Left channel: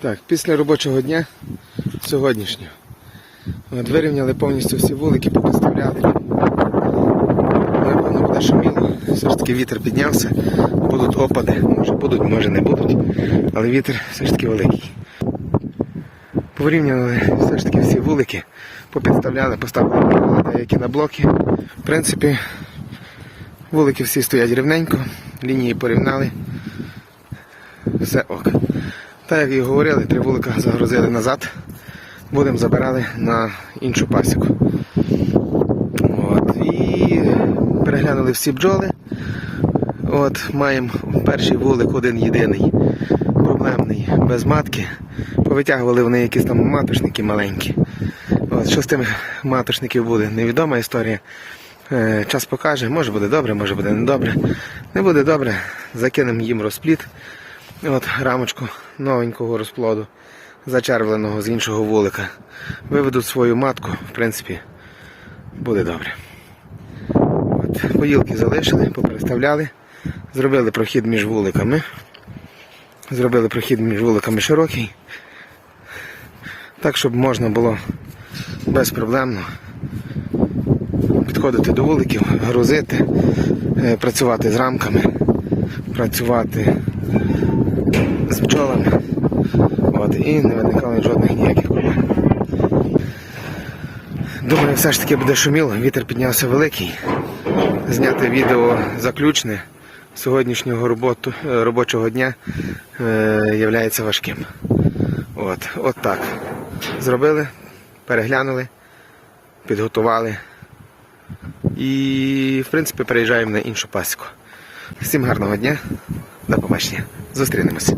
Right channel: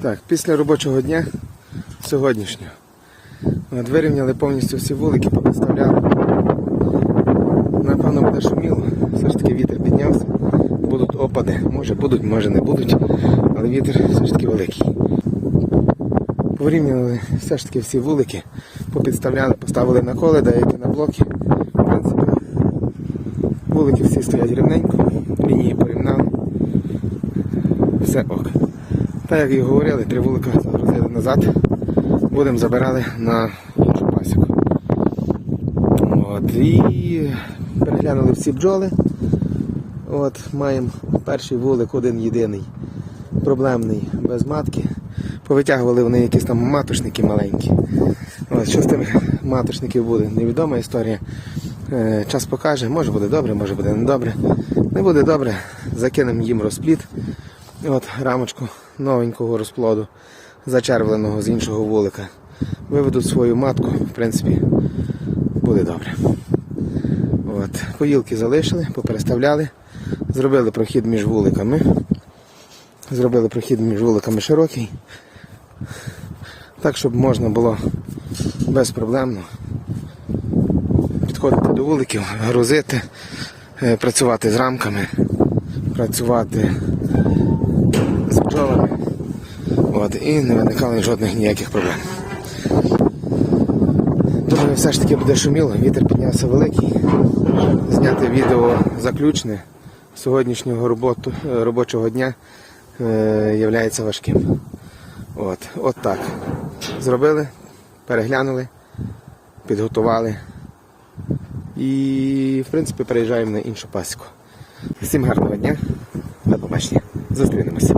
Так, після робочого дня сьогоднішнього. От, вирівняли повністю всі вулики, попідставляли. Напевно буде шуміло. Все ж таки вітер піднявся. Будуть опади. Може будуть, може не будуть. Але вітер все ж таки великий. Порівняли все ж таки всі вулики, попідставляли, поставили приколи, деякі на блоки. В принципі, вулики всі стоять рівненько, лінії порівняли. Все ок. Так як і говорили, три вулика загрузили назад. Будемо забирали на іншу пасіку. От, і переглянули всі бджоли. От, маємо перший вулик один єдиний, проблемний, без матки. Повитягували вони якісь там матушники маленькі. От, що з тими матушників буде? Невідома історія. Е, час покаже, може буде добре, може буде не добре. Не буде добре, закинемо їм розпліт. От рамочку новенького розплоду, зачервленого з іншого вулика. Виведуть свою матку, в принципі, буде добре. От, поїлки залишили, попереставляли, зробили прохід між вуликами. Зробили прохід між вуликами широкий. Так, щоб можна було безпроблемно підходити до вуликів, грузити, е, працювати з рамками, працювати з. От, і не виникало жодних ніяких проблем. Думаю, все ж таки буде шуміло, вітер піднявся великий. Зняти відео заключне сьогоднішнього роботу, е, робочого дня е, являється важким. От, от так. Зробили, переглянули, підготували. І, в принципі, переїжджаємо на іншу пасіку. Всім гарного дня, до побачення. Зустрінемося.